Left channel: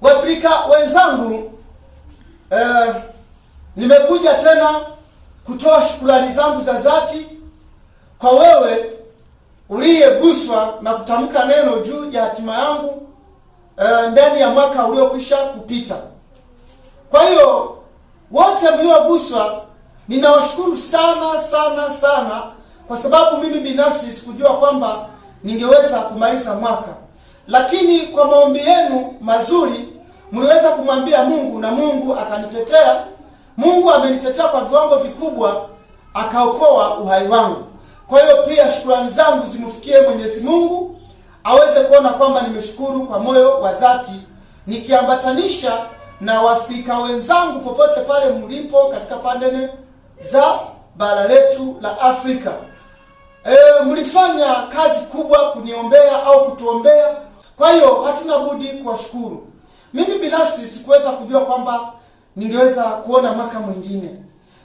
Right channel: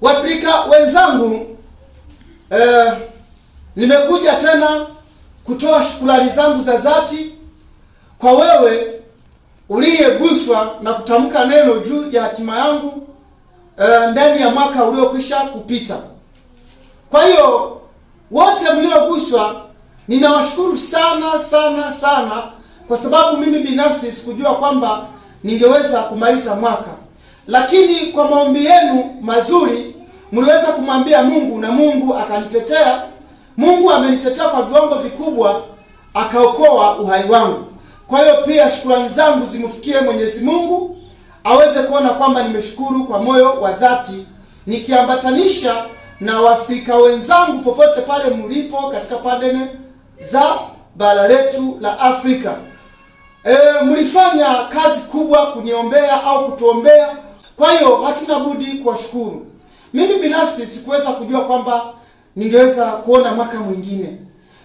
Waafrika wenzangu, nimekuja tena kutoa shukrani zangu za dhati kwa wewe uliyeguswa na kutamka neno juu ya hatima yangu ndani ya mwaka uliokwisha kupita. Kwa hiyo wote mlioguswa ninawashukuru sana sana sana, kwa sababu mimi binafsi sikujua kwamba ningeweza kumaliza mwaka, lakini kwa maombi yenu mazuri mliweza kumwambia Mungu na Mungu akanitetea. Mungu amenitetea kwa viwango vikubwa, akaokoa uhai wangu. Kwa hiyo pia shukrani zangu zimfikie Mwenyezi Mungu aweze kuona kwamba nimeshukuru kwa moyo wa dhati, nikiambatanisha na Waafrika wenzangu popote pale mlipo katika pande za bara letu la Afrika. Mlifanya kazi kubwa kuniombea au kutuombea. Kwa hiyo hatuna budi kuwashukuru. Mimi binafsi sikuweza kujua kwamba ningeweza kuona mwaka mwingine.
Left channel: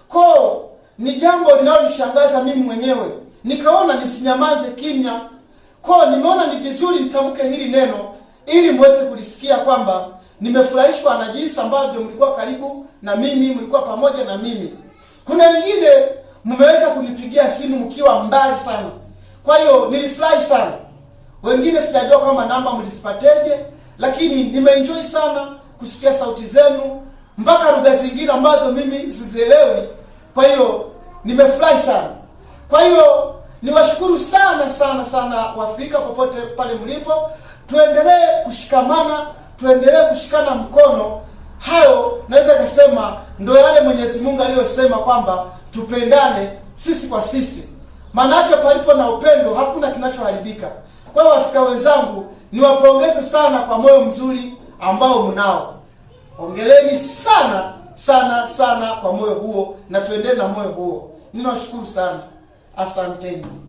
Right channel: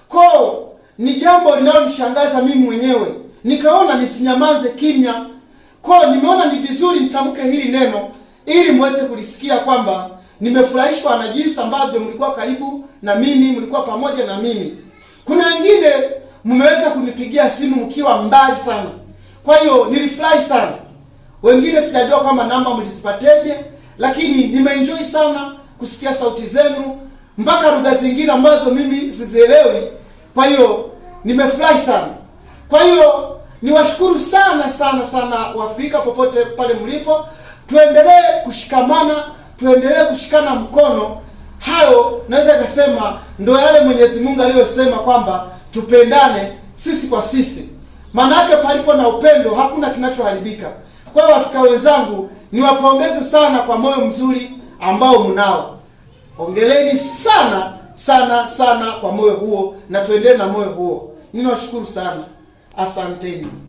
Kwa ni jambo linalonishangaza mimi mwenyewe. Nikaona nisinyamaze kimya. Kwa nimeona ni vizuri nitamke hili neno ili muweze kulisikia kwamba nimefurahishwa na jinsi ambavyo mlikuwa karibu na mimi, mlikuwa pamoja na mimi. Kuna wengine mmeweza kunipigia simu mkiwa mbali sana. Kwa hiyo nilifurahi sana. Wengine sijajua kwamba namba mlizipateje, lakini nimeenjoy sana kusikia sauti zenu mpaka lugha zingine ambazo mimi sizielewi. Kwa hiyo nimefurahi sana. Kwa hiyo niwashukuru sana sana sana Waafrika popote pale mlipo. Tuendelee kushikamana, tuendelee kushikana mkono. Hayo naweza kusema ndio yale Mwenyezi Mungu aliyosema kwamba tupendane sisi kwa sisi. Maana yake palipo na upendo hakuna kinachoharibika. Kwa hiyo Waafrika wenzangu, niwapongeze sana kwa moyo mzuri ambao mnao. Ongeleni sana sana sana kwa moyo huo, na tuendelee na moyo huo. Ninawashukuru sana. Asanteni.